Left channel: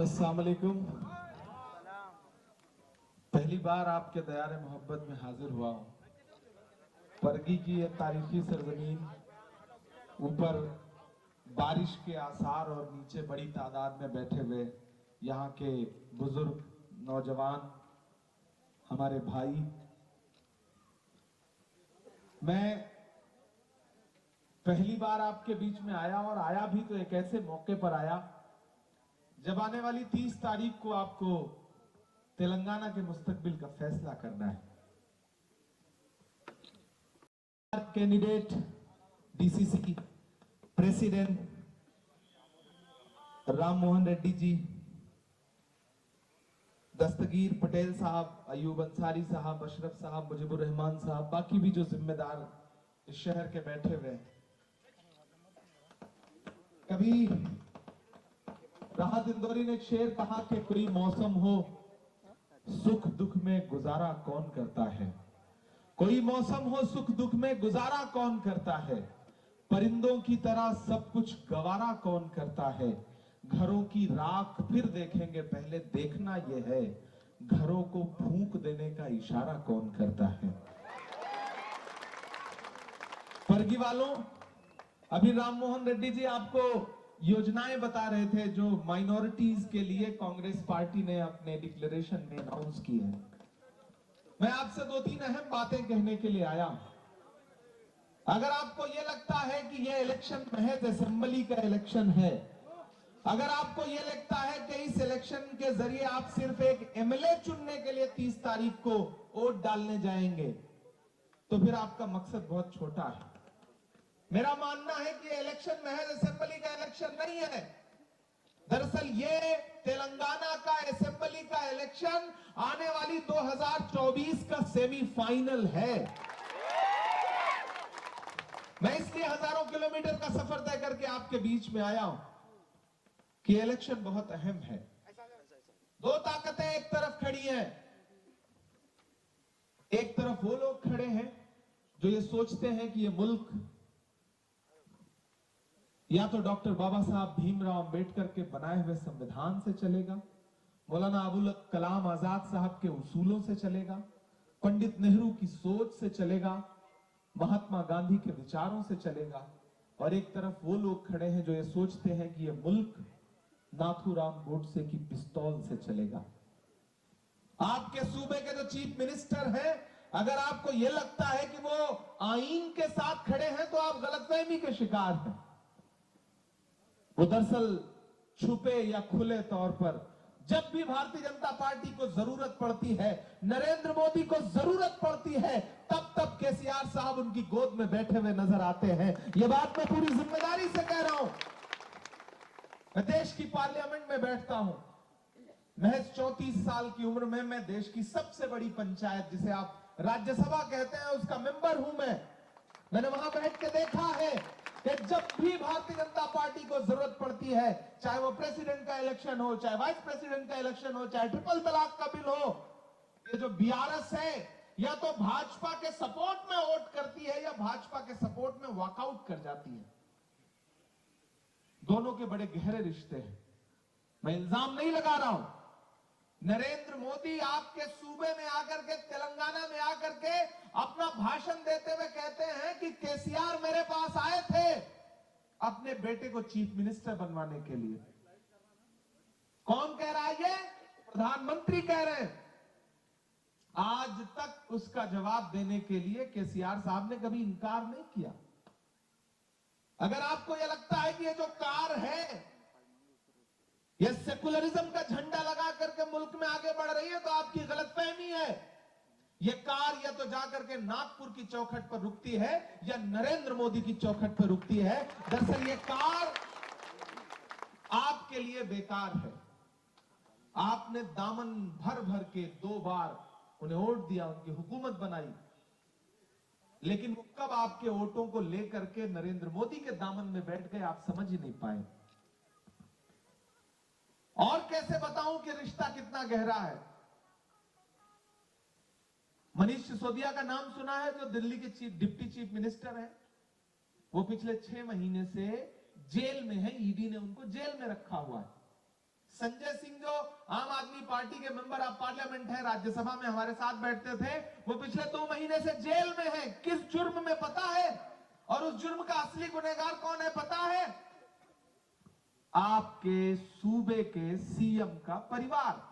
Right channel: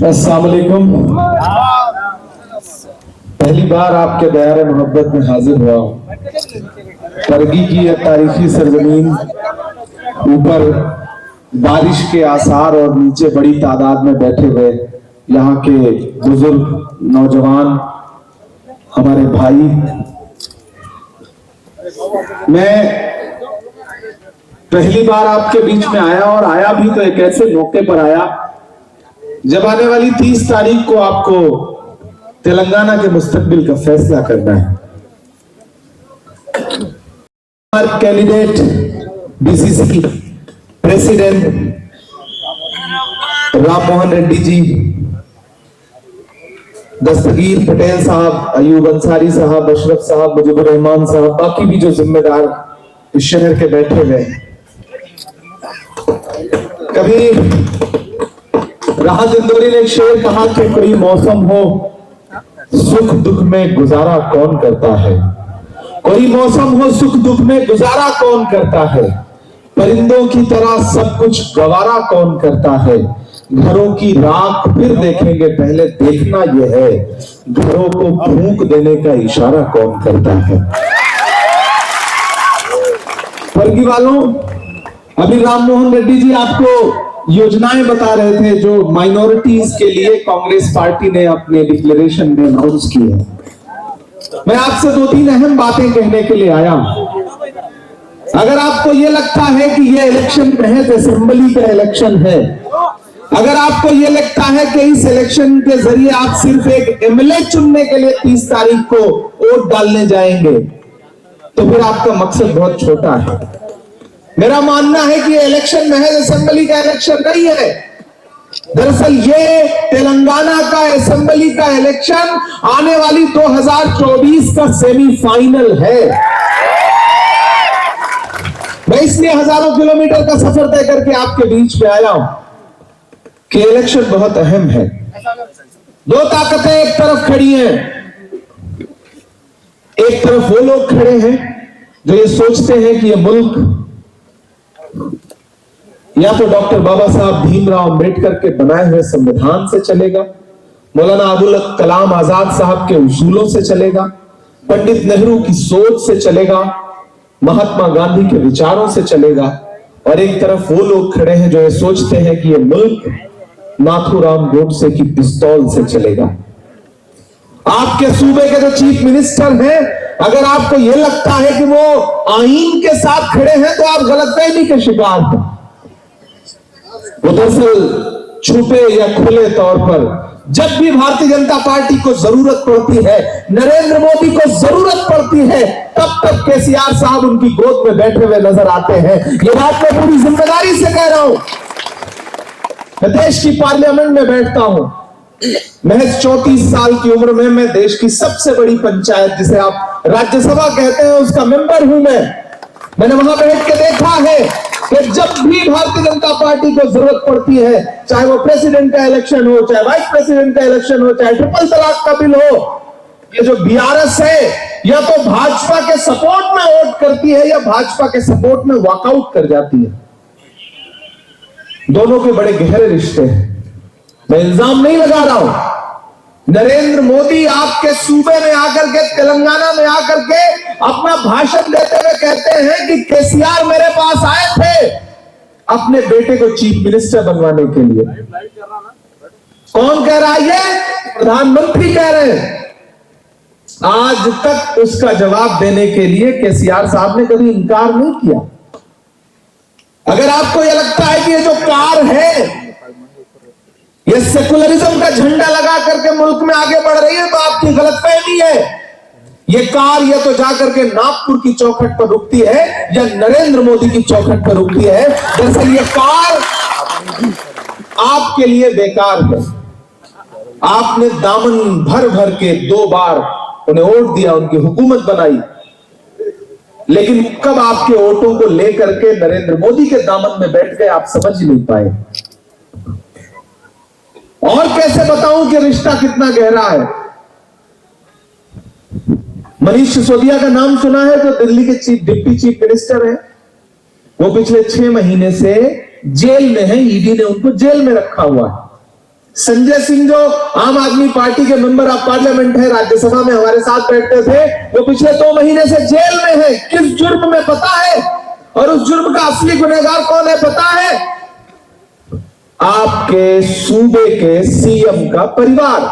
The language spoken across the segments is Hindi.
अस्सलाम वालेकुम। पहली बार आपके दायरे मोहब्बत में हाजिर हुआ हूँ। करगी की यह तारीखी सरजमीन, ऊपर बारिश के आसार और नीचे बड़ी तादाद में बैठे हुए यहाँ के बुजुर्ग नौजवान हमारे भाई, मैं पहली बार आपके बीच में आया और आया भी तो एक ऐसे मौके पर आया जब आने वाली 30 तारीख को आपको तेलंगाना के मुस्तकबिल का फैसला करना है। हमारे candidate BCC president Ram Mohan Reddy ji, Dastagir Patel sahab, Ayub Ansari साहब, अशरफ साहब, मुजीबुर रहमान साहब, बाकी भी जो जिम्मेदार इस शहर के बैठे हुए। कभी राहत इंदौरी ने एक शेर कहा कि कोई मौसम हो सुख दुख में गुजारा कौन करता है, कोई मौसम हो सुख दुख में गुजारा कौन करता है, परिंदों की तरह सब कुछ गवारा कौन करता है, घरों की राख फिर देखेंगे पहले देखना यह है, घरों को फूंक देने का इशारा कौन करता है। वर्गी वालों, अभी राम मोहन रेड्डी जी आपको योजनाएं बता रहे थे जो माइनॉरिटीज के लिए कांग्रेस पार्टी ने अपने डिक्लेरेशन में अनाउंस की है। मैं आपसे 2-3 अहम बातें कहने के लिए आया हूं। अगर आपको यह लगता है कि यह इलेक्शन महज असेंबली का इलेक्शन है, अगर आपको यह लगता है कि इस इलेक्शन के जरिए आप सिर्फ एक एमएलए चुनने के लिए 30 तारीख को वोट डालने जाएंगे, तो फिर आपका मकसद बहुत छोटा है। मेरा मानना है कि ये इलेक्शन महज असेंबली का इलेक्शन नहीं है। दरअसल ये तेलंगाना का असेंबली का इलेक्शन आने वाली 2024 का सेमीफाइनल है। मैं इसलिए हजारों किलोमीटर का सफर तय करके आपके बीच में आया हूं कि इलेक्शन बहुत अहम है। दो ताकतें एक तरफ खड़ी हैं, एक तरफ वो लोग खड़े हैं जो ये सोचते हैं कि ये मुल्क या तो डॉक्टर बाबा साहब भीमराव अंबेडकर के बनाए हुए संविधान से चलेगा, मौलाना अबुल कलाम आजाद साहब के उसूलों से चलेगा, पंडित नेहरू की सोच से चलेगा, महात्मा गांधी के विचारों से चलेगा, और एक तरफ वो लोग खड़े हैं जो ये सोचते हैं कि ये मुल्क नाथूराम गोडसे की पिस्तौल से चलेगा। आपके सूबे के जो चीफ मिनिस्टर हैं, अगर आपको यह लगता है कि वो आईन के साथ खड़े हैं तो आप गलतफहमी के शिकार हैं। वो दरअसल छुपे या खुले तौर पर जब भी भारतीय जनता पार्टी को जरूरत पड़ती है, नरेंद्र मोदी को जरूरत पड़ती है, तब तक केसीआर साहब उनकी गोद में बैठे हुए नजर आते हैं। ये बात मैं पूरी जिम्मेदारी से कह रहा हूं। मैं देश की पार्लियामेंट में बैठता हूं। महज 34 साल की उम्र में मैं देश की सबसे बड़ी पंचायत, जिसे आप राज्यसभा कहते हैं, उसका मेंबर हूं। मैंने वहां बैठ के देखा है कि जब भी भारतीय जनता पार्टी को जरूरत पड़ती है, चाहे वो प्रेसिडेंट का इलेक्शन हो, चाहे वाइस प्रेसिडेंट का इलेक्शन हो, चाहे ट्रिपल तलाक का बिल हो, ये जो बीआरएस है या तो भाजपा के सपोर्ट में वोट करती है या भाजपा के सपोर्ट में वॉकआउट कर जाती है। दोनों के बड़े गहरे रिश्ते हैं। मैं इल्जाम नहीं लगा रहा हूं। नरेंद्र मोदी आपके सूबे में आकर के, तेलंगाना में आकर के अपना भाषण देते हुए कहते हैं कि केसीआर मेरे पास आए थे अपने बेटे को चीफ मिनिस्टर बनवाने के लिए। कौन कह रहा है ये? प्रधानमंत्री कह रहे हैं। आज तक उसका जवाब देने के लिए केसीआर साहब ने कभी इनकार नहीं किया। अगर आपको यह लगता है कि ये जो कार है ये सेकुलरिज्म का झंडा लगा करके मुल्क में आगे बढ़ रही है, तो आपकी गलतफहमी है। ये कार या तो जाकर के नागपुर की चौखट पर रुकती है या नरेंद्र मोदी की चौखट पर रुकती है। दरअसल ये कार आपके लिए बेकार है। आपने दामन भर भर के 2 बार उन्हें वोट दिया, उनकी हुकूमत बनाई, लेकिन कब आपके वोटों को लेकर के नरेंद्र मोदी के दामन में बैठ गए आप समझ नहीं पाए। और कैसे बताऊं कि रिश्ता कितना गहरा है। मनीष सिसोदिया का नाम सुना है, जो दिल्ली के डिप्टी चीफ मिनिस्टर हैं। वो पिछले 6 महीने से जेल में है। ईडी ने उनको जेल में रखा हुआ है। संजय सिंह जो आम आदमी पार्टी के मेंबर ऑफ पार्लियामेंट है, राज्यसभा में हमारे साथ बैठते थे, वो पिछले 2 महीने से जेल में है। किस जुर्म में पता है? और उस जुर्म का असली गुनहगार कौन है पता है? आपके सूबे के सीएम का परिवार।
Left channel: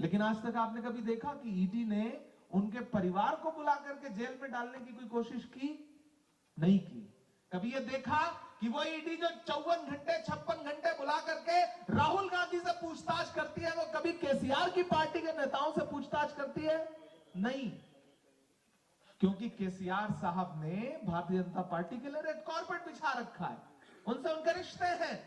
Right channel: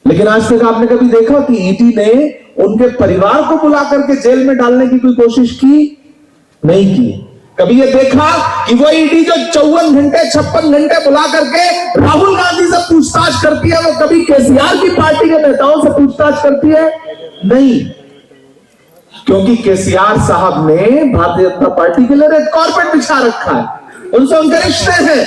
लेकिन आज तक आपने कभी देखा कि ईडी ने उनके परिवार को बुला करके जेल में डालने की कोई कोशिश की? नहीं की। कभी ये देखा कि वो ईडी जो 54 घंटे 56 घंटे बुला करके राहुल गांधी से पूछताछ करती है, वो कभी केसीआर की पार्टी के नेताओं से पूछताछ करती है? नहीं, क्योंकि केसीआर साहब ने भारतीय जनता पार्टी के लिए रेड कार्पेट बिछा रखा है, उनसे उनके रिश्ते हैं।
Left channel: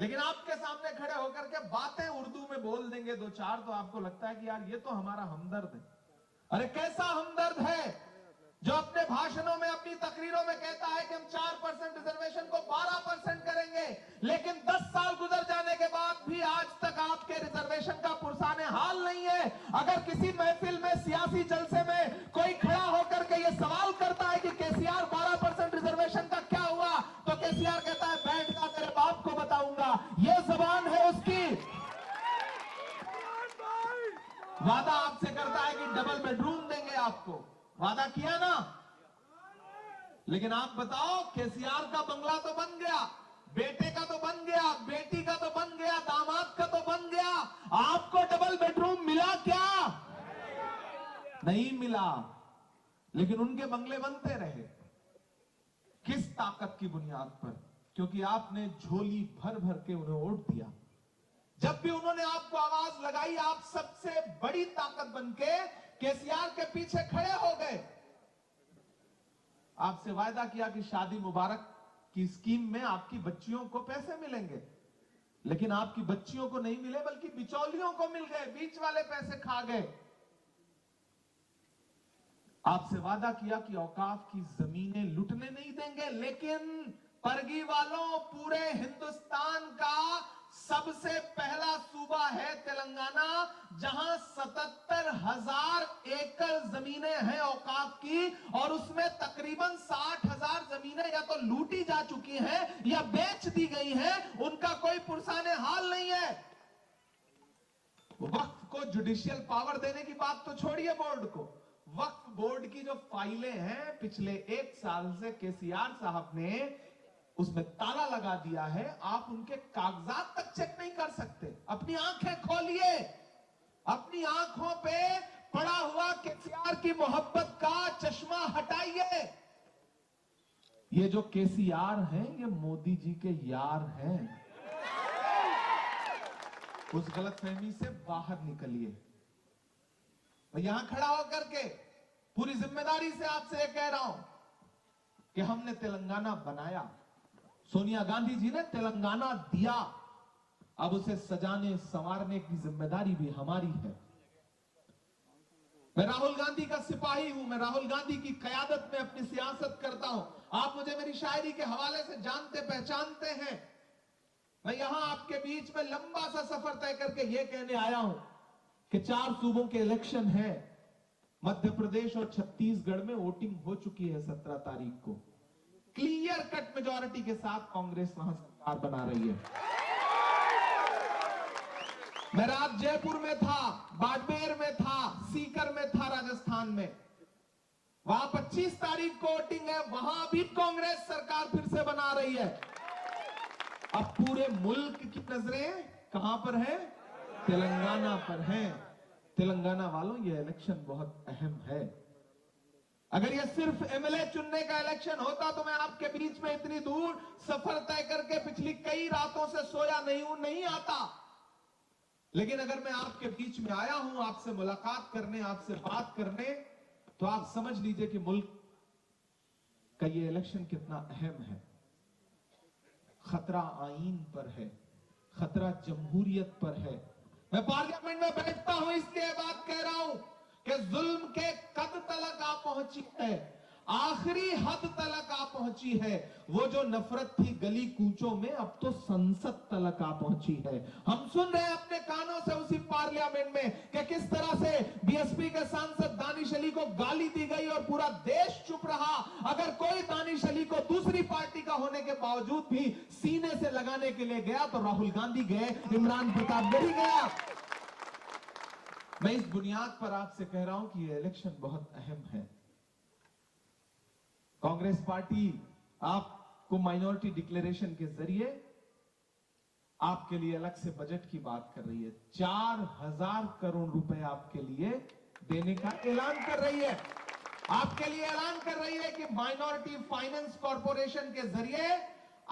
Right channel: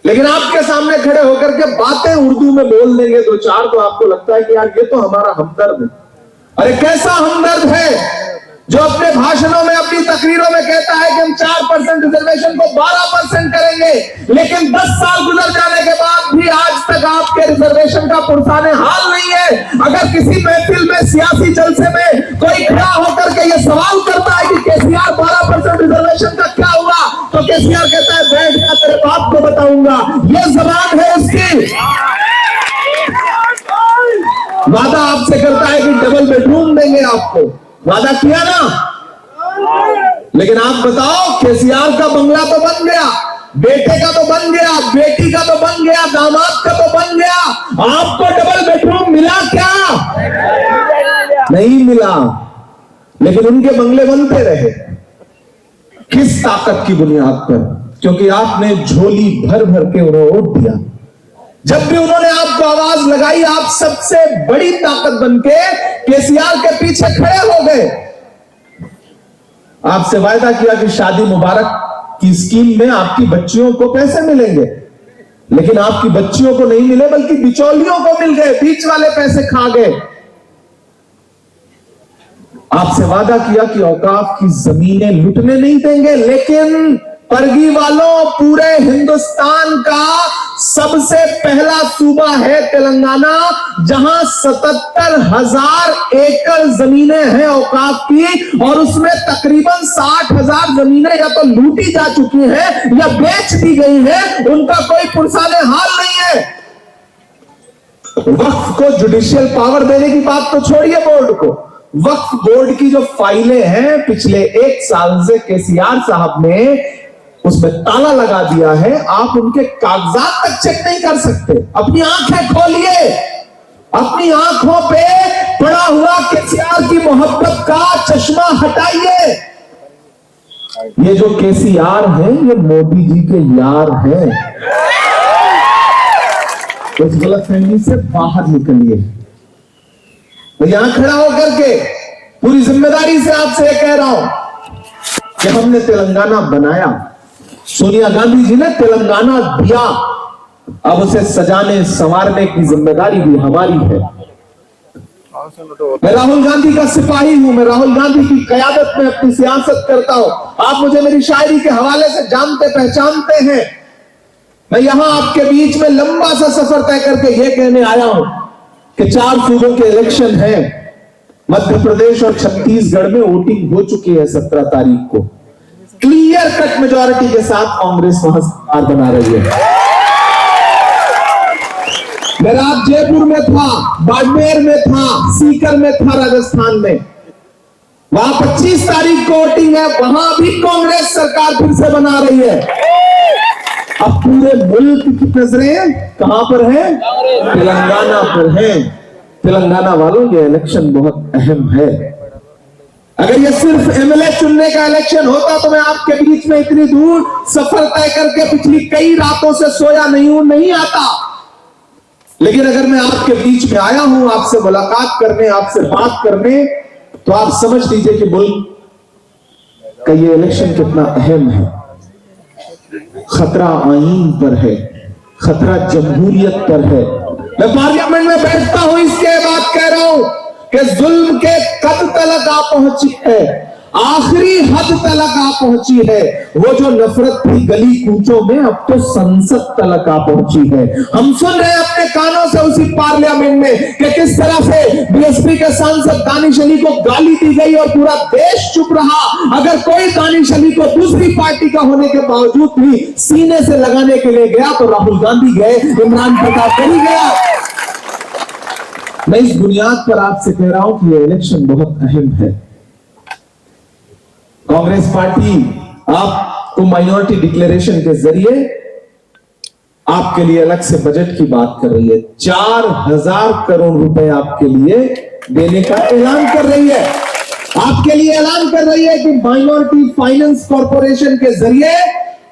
लेकिन आपके सामने खड़े होकर के बातें उर्दू में बोल देंगे 2-4, तो आपको लगता है कि यार ये तो हमारा हमदर्द है। अरे कैसा हमदर्द है जो अपने भाषणों में, अपनी तकरीरों में कहता है कि हम 4% रिजर्वेशन को 12% करेंगे, लेकिन 10 साल गुजर जाने के बाद भी आज तक आपके रिजर्वेशन का पुरसाने हाल नहीं है। अगर किसी महफिल में, सियासी जलसे में कोई खड़ा होकर के ये सवाल करता है कि केसीआर 12% रिजर्वेशन का क्या हुआ, तो केसीआर कहता है बैठ जा, तेरे बाप को बताऊंगा। ये जबान है उसकी। वादा आपसे करता है कि डबल बेडरूम देंगे आपको, वादा किया ना। लेकिन आप बताओ, केसीआर का बंगला तो बन गया, बेटे का तो बन गया, बेटी का तो बन गया, दामाद का तो बन गया, आपको डबल बेडरूम मिला क्या? नहीं मिला। लेकिन उनके बंगले बनते रहे। किस ताकत की बुनियाद पर? क्योंकि आपने झोली भर भर के उन्हें वोट दिया। जब भी उन्होंने आपको आवाज लगाई, आप सबसे बड़ी ताकत बनके केसीआर के पीछे खड़े हो गए। आपसे वायदा किया कि शादी मुबारक की स्कीम में आपकी बच्चियों को पैसे मिलेंगे, लेकिन आपकी बच्चियों को नहीं मिले, बल्कि बिचौलियों को मिल गए, बीच वाले पैसे खा गए। आपसे वादा किया कि औकाफ की जमीनें लुटने नहीं देंगे, लेकिन परगी वालों, पूरे हिंदुस्तान का सबसे पहला सूबा है तेलंगाना, जहां 77,000 एकड़ जमीनें हैं औकाफ की, और उसमें तकरीबन 60,000 जमीनें या तो लूटी जा चुकी हैं या बेच दी गई हैं। उनका कोई पुरसाने हाल नहीं है। वक्फ को जुडिशियल पावर देने की बात तो छोड़िए, बोर्ड को, वक्फ बोर्ड की जो फाइलें हैं पिछले 1 साल से केसीआर साहब ने उसमें ताला लगा दिया है। आप उनके कागजात तक चेक नहीं कर सकते। अपनी आंखें खोलिए, अपनी आंखों पे पड़ा हुआ केसीआर की मोहब्बत का चश्मा हटाइए। ये जो केसीआर है, ये मोदी जी के यार हैं। इस गलतफहमी से बाहर निकलिए। तो यहां खड़ा होकर के पूरी जिम्मेदारी से आपसे ये कह रहा हूं कि हमने तेलंगाना बनाया, सोनिया गांधी जी ने तेलंगाना दिया, अब उसे सजाने संवारने की जिम्मेदारी भी हमारी है। मैं राहुल गांधी का सिपाही हूं, मैं राहुल गांधी की क़यादत में अपनी सियासत करता हूं। आप मुझे मेरी शायरी के हवाले से जानते पहचानते हैं। मैं यहां आपके बीच में लंबा सा सफर तय करके यह कहने आया हूं कि 4 सूबों के इलेक्शन है। मध्य प्रदेश और छत्तीसगढ़ में वोटिंग हो चुकी है 17 तारीख को। क्लियर कट मेजॉरिटी के साथ कांग्रेस वहां सरकार बना रही है। मैं रात जयपुर में था, बाड़मेर में था, सीकर में था, राजस्थान में। वहां 25 तारीख को वोटिंग है, वहां भी कांग्रेस सरकार फिर से बना रही है। अब पूरे मुल्क की नजरें कहां पर है? तेलंगाना पर है। तेलंगाना वालों, ये इलेक्शन बहुत अहम है। अगर ये सिर्फ एमएलए चुनने का इलेक्शन होता तो मैं आपके बीच में इतनी दूर सफर तय करके पिछली कई रातों से सोया नहीं आता। लेकिन अगर मैं आपके बीच में आया हूं आपसे मुलाकात करने, आपसे बात करने, तो आप समझ लीजिए कि मुल्क का ये इलेक्शन कितना अहम है। खतरा आईन पर है, खतरा जमहूरियत पर है। मैं पार्लियामेंट में बैठता हूं, इसके बाद कह रहा हूं कि जुल्म के कद तलक आप पहुंची है। आखिरी हद तक आ पहुंची है। वो जो नफरत थी गली कूचों में, अब तो संसद तक आ पहुंची है। हम सुन रहे हैं अपने कानों से उसी पार्लियामेंट में कि किस तरह से बीएसपी के सांसद दानिश अली को गाली दी गई और पूरा देश चुप रहा। अगर कोई दानिश अली को दूसरी पार्टी का होने के बावजूद भी सीने से लगाने के लिए गया तो राहुल गांधी गए, इमरान प्रताप नहीं गया। मैं इस बुनियाद पर आपसे कह रहा हूं कि यह इलेक्शन बहुत अहम है। कांग्रेस पार्टी आपको माइनॉरिटी डिक्लेरेशन के जरिए आपके लिए अलग से बजट की बात कर रही है। 4000 करोड़ रुपए आपके लिए देने का ऐलान कर रही है। आपके लिए ऐलान कर रही है कि माइनॉरिटी फाइनेंस कॉर्पोरेशन के जरिए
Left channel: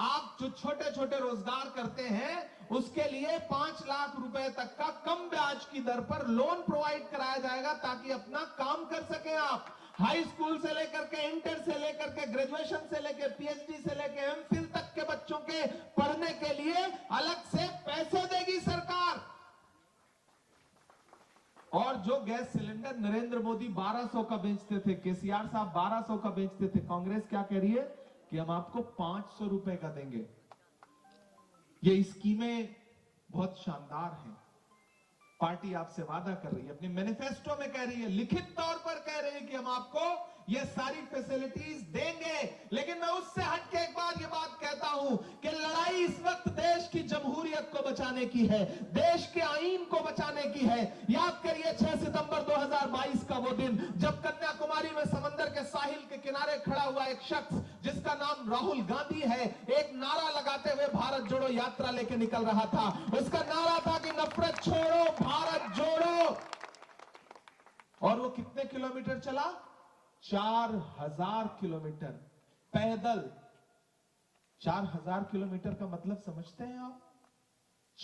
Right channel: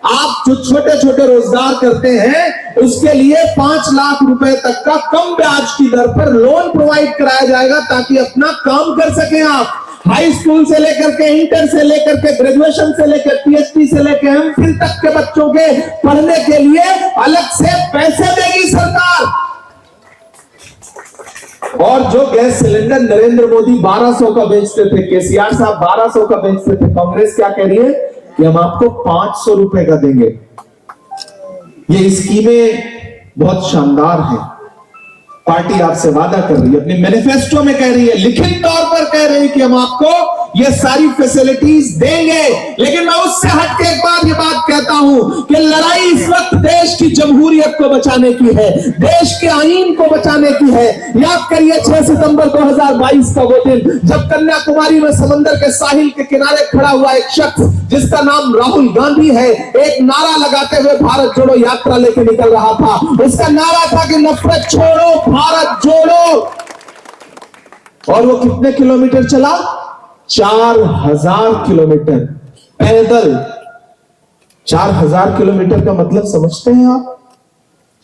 आप जो छोटे छोटे रोजगार करते हैं उसके लिए 5 लाख रुपए तक का कम ब्याज की दर पर लोन प्रोवाइड कराया जाएगा ताकि अपना काम कर सकें आप। हाई स्कूल से लेकर के इंटर से लेकर के ग्रेजुएशन से लेकर पीएचडी से लेकर एमफिल तक के बच्चों के पढ़ने के लिए अलग से पैसे देगी सरकार। और जो गैस सिलेंडर नरेंद्र मोदी 1200 का बेचते थे, केसीआर साहब 1200 का बेचते थे, कांग्रेस क्या कह रही है कि हम आपको 500 रुपए का देंगे। ये स्कीमें बहुत शानदार हैं। पार्टी आपसे वादा कर रही है, अपने मैनिफेस्टो में कह रही है, लिखित तौर पर कह रही है कि हम आपको ये सारी फैसिलिटीज देंगे। लेकिन मैं उससे हट के एक बार ये बात कहता हूं कि लड़ाई इस वक्त देश की जमहूरियत को बचाने की है, देश के आईन को बचाने की है। याद करिए 6 सितंबर 2022 का वो दिन जब कन्याकुमारी में समंदर के साहिल के किनारे खड़ा हुआ एक शख्स जिसका नाम राहुल गांधी है, एक नारा लगाते हुए भारत जोड़ो यात्रा लेके निकल रहा था। उसका नारा था कि नफरत छोड़ो भारत जोड़ो। और वो कितने किलोमीटर चला? 4000 किलोमीटर पैदल। 4000 किलोमीटर का मतलब समझते हैं आप?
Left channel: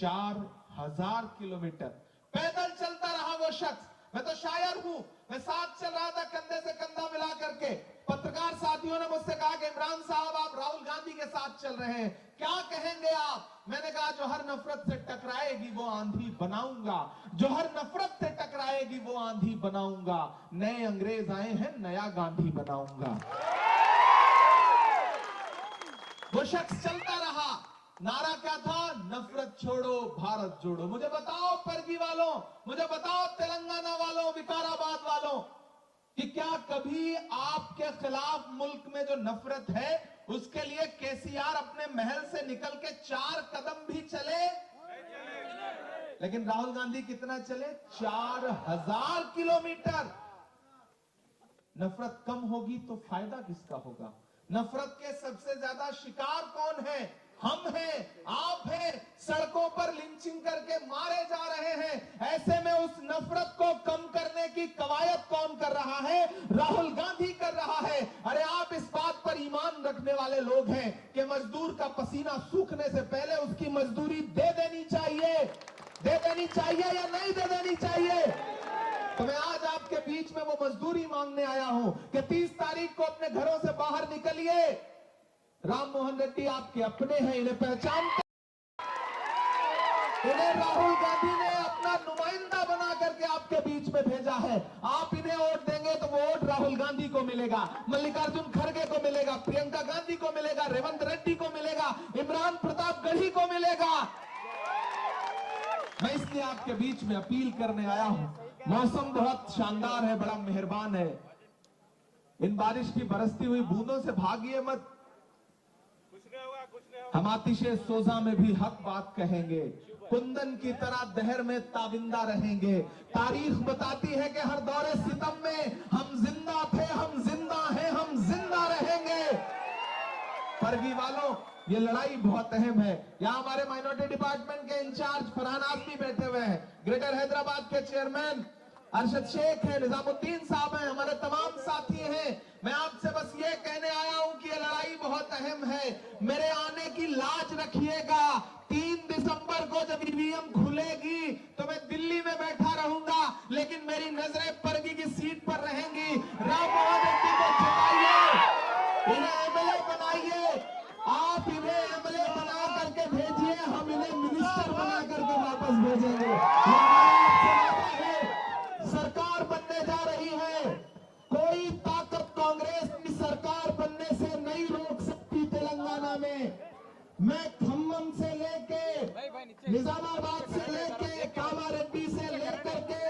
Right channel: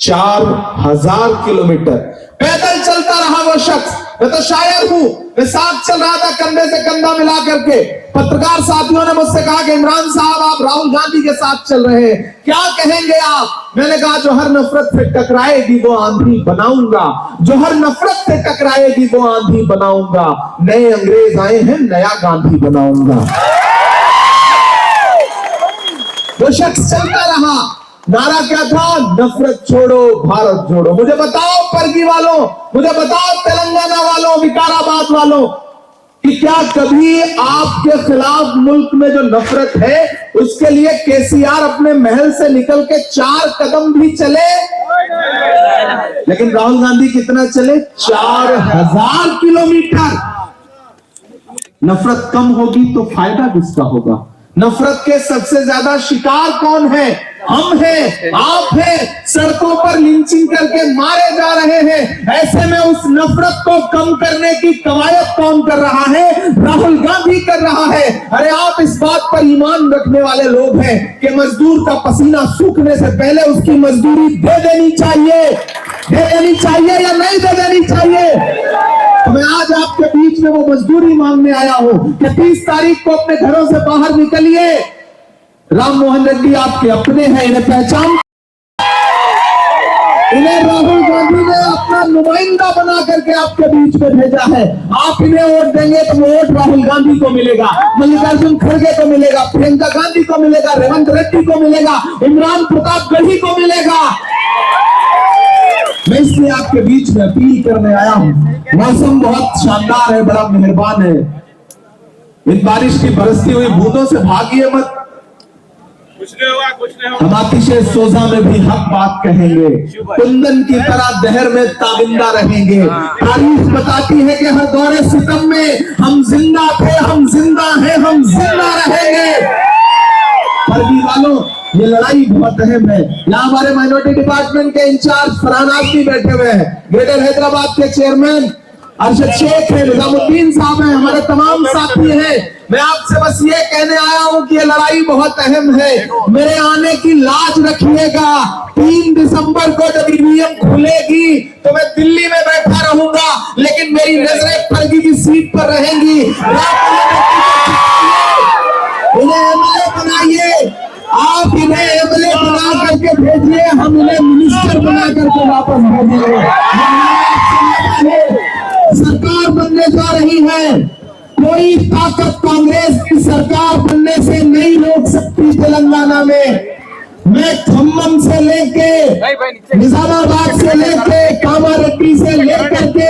4000 किलोमीटर पैदल चलता रहा वो शख्स। मैं तो शायर हूं, मैं साथ चल रहा था कंधे से कंधा मिला करके। पत्रकार साथियों ने मुझसे कहा कि इमरान साहब आप राहुल गांधी के साथ चल रहे हैं, क्या कहेंगे आप? मैंने कहा जो हर नफरत से टकराएगी वो आंधी बनाऊंगा, जो हर नफरत से टकराएगी वो आंधी बनाऊंगा। नए अंग्रेज आए हैं, नया गांधी बनाऊंगा। वो शख्स चलता रहा, नारा क्या था? नफरत छोड़ो भारत जोड़ो। मुझे बताओ परगी वालों, मुझे बताओ तेलंगाना वालों, विकाराबाद वालों, कि क्या कभी आपके खिलाफ मुल्क में जो नफरत है उसके लिए केसीआर अपने महल से निकल के 4 कदम भी चले? लेकिन राहुल गांधी कितना चले? 4000 किलोमीटर। नफरत कम होगी तो फायदा किसका होगा? नफरत के सबसे ज्यादा शिकार कौन है? हम हैं, आप हैं। सड़कों पर लिंचिंग करके मारे जा रहे हैं। ऐसे में उस नफरत को कम करने की कवायद कौन कर रहा है? राहुल गांधी कर रहा है। अरे आप इस बात पर ईमान रखने वाले लोग हैं कि मजदूर का पसीना सूखने से पहले उसकी मजदूरी दे देनी चाहिए या नहीं दे देनी चाहिए? तो मैं आज आपके बीच में वो मजदूरी मांगने आया हूं कि 30 तारीख को अपने घरों से बाहर निकलिए। राम मोहन रेड्डी आपके अपने हैं, इन्हें पहचान, इन्हें राहुल गांधी ने अपना नुमाइंदा बना करके आपके बीच में भेजा है। आप इन्हें वोट देंगे तो वोट राहुल गांधी को मिलेगा, मल्लिकार्जुन खड़गे को मिलेगा, प्रियंका गांधी को मिलेगा, रेवंत रेड्डी को मिलेगा, इमरान प्रताप गढ़ी को मिलेगा। मैं इसलिए आपके बीच में अपील करने आया हूं। मौसम बहुत शानदार है, बड़ा मेहरबान है। इन बारिश की बरसती हुई बूंदों से भागिए मत। हम अतिशय सोजा में भी हक बात कहेंगे, कुंदन की तरह दहर में ताबिंदा रहेंगे। तारीख बताती है कि हर दौरे सितम में हम जिंदा थे, हम जिंदा हैं, हम जिंदा रहेंगे। फर्जी वालों, ये लड़ाई बहुत अहम है। यहाँ हमारे माइनॉरिटी डिपार्टमेंट के इंचार्ज फरहान आजमी बैठे हुए हैं, ग्रेटर हैदराबाद के चेयरमैन अरशद शेख है, निजामुद्दीन साहब हैं, हमारे तमाम साथी हैं। मैं आपसे बस ये कहने आया हूं कि ये लड़ाई बहुत अहम है। मेरे आने की लाज रखिएगा। 3 दिसंबर को जब ईवीएम खुलेगी तो मैं दिल्ली में बैठा रहूंगा, लेकिन मेरी नजरें फर्जी की सीट पर रहेंगी। इन्हें एमएलए बनाइए, आप इन्हें एमएलए बना करके भेजिए, हम इन्हें मिनिस्टर बना करके वापस भेजेंगे। सरकार बनने जा रही है, कोई कोई ताकत कांग्रेस की सरकार बनने से नहीं रोक सकती तेलंगाना में। मैं खम्मम से लेके निजामाबाद से लेके कामारेड्डी से लेकर के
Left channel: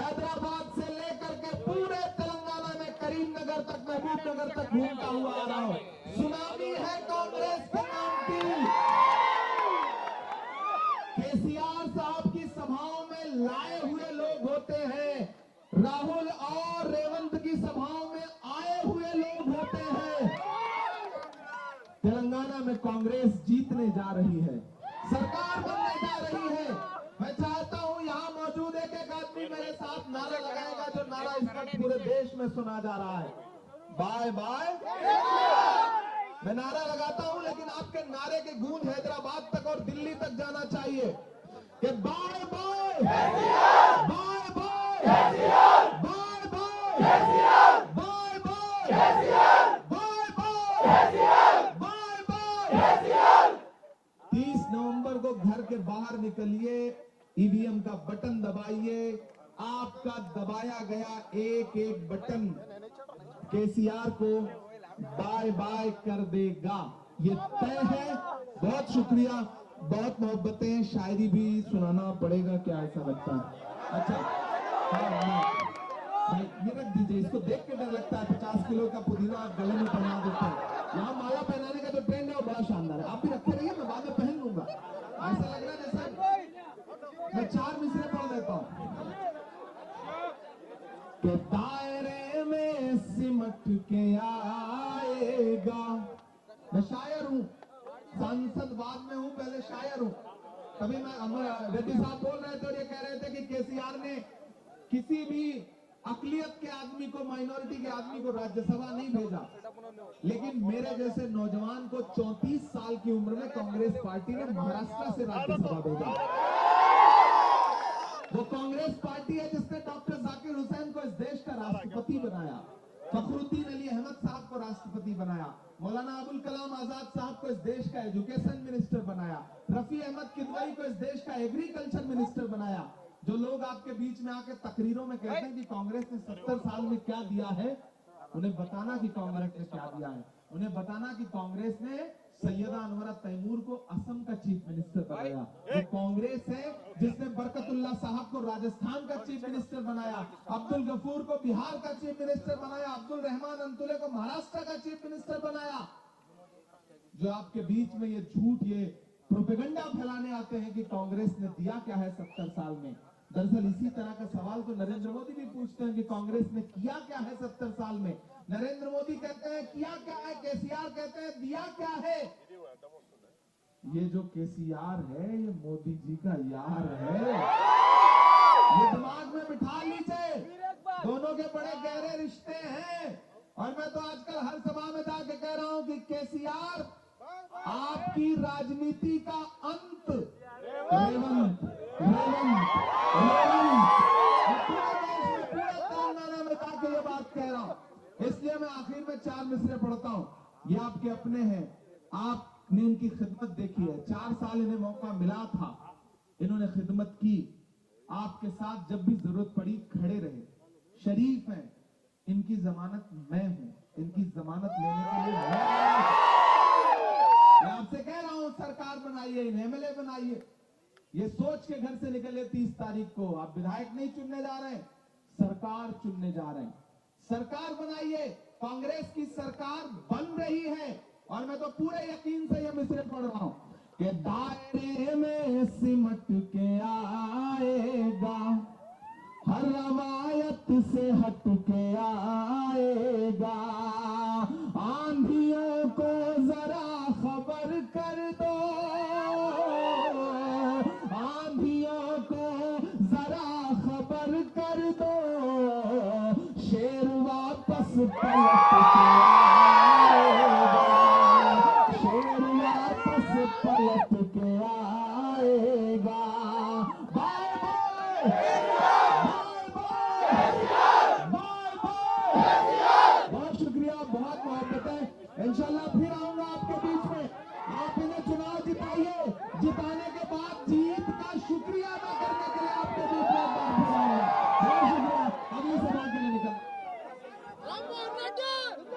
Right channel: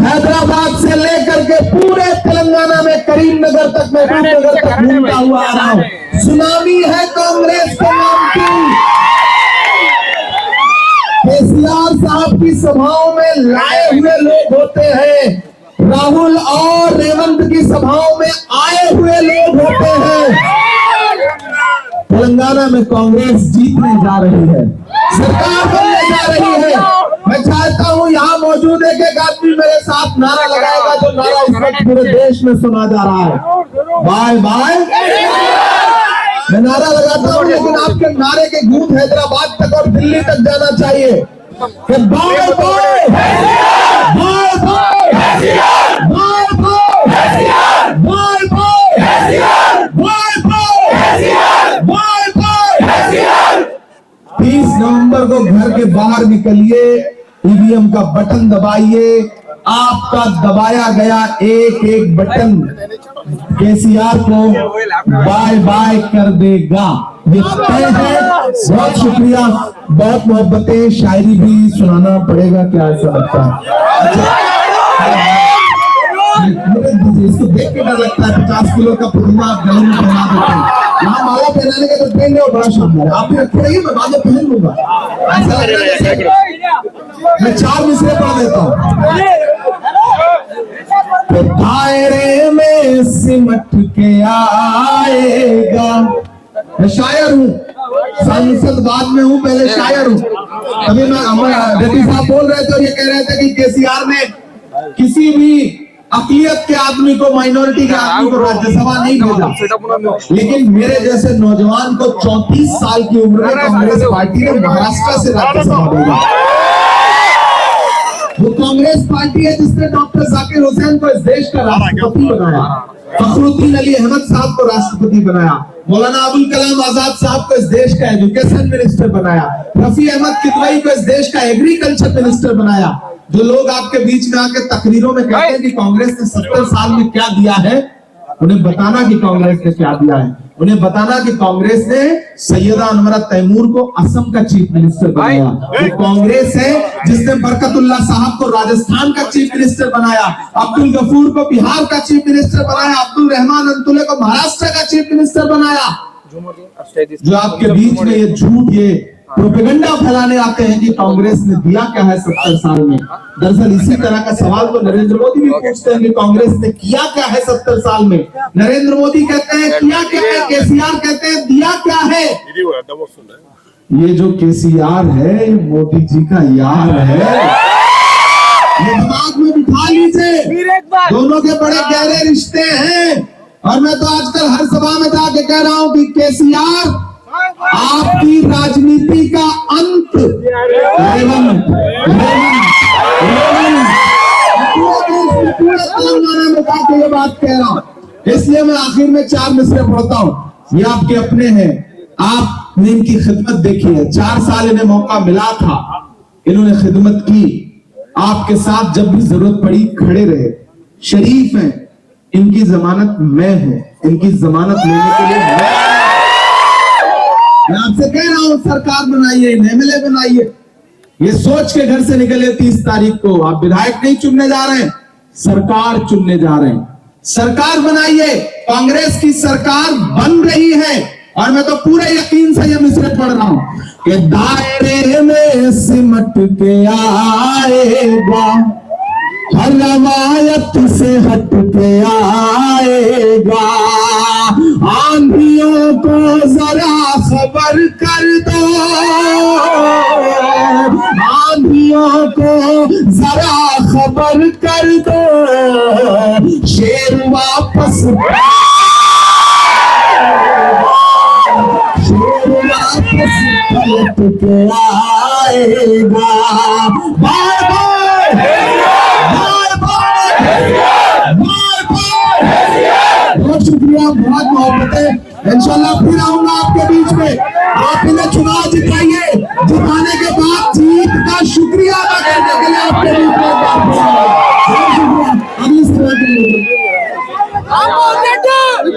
हैदराबाद से लेकर के पूरे तेलंगाना में करीमनगर तक, महबूबनगर तक घूमता हुआ आ रहा हूं। सुनामी है कांग्रेस के नाम की। केसीआर साहब की सभाओं में लाए हुए लोग होते हैं, राहुल और रेवंत की सभाओं में आए हुए लोग होते हैं। तेलंगाना में कांग्रेस जीतने जा रही है, सरकार बनने जा रही है। मैं चाहता हूं यहाँ मौजूद एक आदमी मेरे साथ नारा लगाएगा, जो नारा इस वक्त पूरे देश में सुना जा रहा है, बाय बाय। मैं नारा लगाता हूं, लेकिन आपके नारे के गूंज हैदराबाद तक और दिल्ली तक जाना चाहिए कि bye bye, bye bye, bye bye, bye bye. 30 नवंबर को घर के बाहर निकलिए, ईवीएम का बटन दबाइए। आपका दबाया गया एक एक बटन केसीआर को बाय बाय कर देगा, ये तय है। बहुत शुक्रिया, बहुत मोहब्बतें, शायरी भी सुनाना पड़ेगा क्या, ऐसा लगता है? इसको देख के डर लगता है। 50 किलो का पुरमा गले में पहना देते हैं। यहाँ माला पहनाने का तो ट्रेंड है, बड़ा शानदार है। आप भी रखे रहिए, मैं बाद में पहन लूंगा। ऐसा लग रहा है मैं 4 मिसरे पढ़ देता हूँ। तो दायरे में सिमट के आएगा। मैं शायर हूँ, सांसद बाद में हूँ, पहले शायर हूँ। अभी मैं रेड्डी साहब बोल रहे थे और ये कह रहे थे कि केसीआर ने किसी भी अकलियत के आदमी को, माइनॉरिटी के आदमी को राज्यसभा नहीं भेजा, लेकिन मेरे जैसे नौजवान को 34 साल की उम्र में कांग्रेस पार्टी ने महाराष्ट्र से राज्यसभा भेजा। वो कांग्रेस पार्टी है जिसने डॉक्टर जाकिर हुसैन को इस देश का राष्ट्रपति बनाया, फखरुद्दीन अली अहमद साहब को राष्ट्रपति बनाया, मौलाना अबुल कलाम आजाद साहब को इस देश का एजुकेशन मिनिस्टर बनाया, रफी अहमद किदवई को इस देश का एग्रीकल्चर मिनिस्टर बनाया। जो लोग आपके बीच में आके तकरीरों में कहते हैं कि कांग्रेस ने 70 साल में क्या दिया है, उन्हें बताना कि कांग्रेस ने क्या दिया है। उन्हें बताना कि कांग्रेस ने सैयदा अनवरा तैमूर को असम का चीफ मिनिस्टर बनाया। वो कांग्रेस है जिसने बरकतुल्लाह साहब को राजस्थान का चीफ मिनिस्टर बनाया, अब्दुल गफूर को बिहार का चीफ मिनिस्टर बनाया, अब्दुल रहमान अंतुले को महाराष्ट्र का चीफ मिनिस्टर बनाया। जो आपके बीच में ये झूठ, ये प्रोपेगेंडा फैलाने आते हैं कि कांग्रेस ने दिया क्या है 70 साल में। दरअसल इसी तरह का सवाल तो नरेंद्र मोदी भी पूछते हैं कि कांग्रेस ने किया क्या है 70 साल में। नरेंद्र मोदी कहते हैं किया क्या है, केसीआर कहते हैं दिया क्या है। ये जो केसीआर है मोदी जी का यार है, ये दिमाग में बिठा लीजिए, दोनों के बड़े गहरे रिश्ते हैं। और मैं तो आजकल हर सभा में जाके कह रहा हूं कि केसीआर आपकी राजनीति का अंत पूरे तेलंगाना में जाके ये बात कह रहा हूं। इसलिए मैं आखिर में 4 मिसरे पढ़ता हूं। ये आपके अपने हैं, आपने इनकी खिदमत देखी है। 4 साल इन्हें मौका मिला था, इन्होंने खिदमत की, आपके साथ जब भी जरूरत पड़ी खड़े रहे, शरीफ हैं। इनकी जमानत मैं हूं, इनकी जमानत लेने के लिए मैं आपसे कह रहा हूं सरकार बनाइए, एमएलए बनाइए। ये सोच के घर से निकले 30 तारीख को, आप विधायक नहीं चुनने जा रहे हैं, सरकार चुनने जा रहे हैं। सरकार बनाइए, कांग्रेस की सरकार बन रही है। और मैं तो पूरे यकीन से ये मिसरे पढ़ रहा हूं कि दायरे में सिमट के आएगा, हर रवायत से हट के आएगा। आंधियों को जरा खबर कर दो, आंधियों को जरा खबर कर दो, शेर वापस पलट के आएगा। Bye bye, bye bye, bye bye. बहुत शुक्रिया, बहुत मोहब्बतें। इंशाल्लाह फिर आऊंगा आपके बीच में। आप इन्हें चुनाव जिताइए, जिताने के बाद जीत का शुक्रिया अदा करने के लिए आपके बीच में बहुत शुक्रिया। अगली सभा के लिए अमोल रेड्डी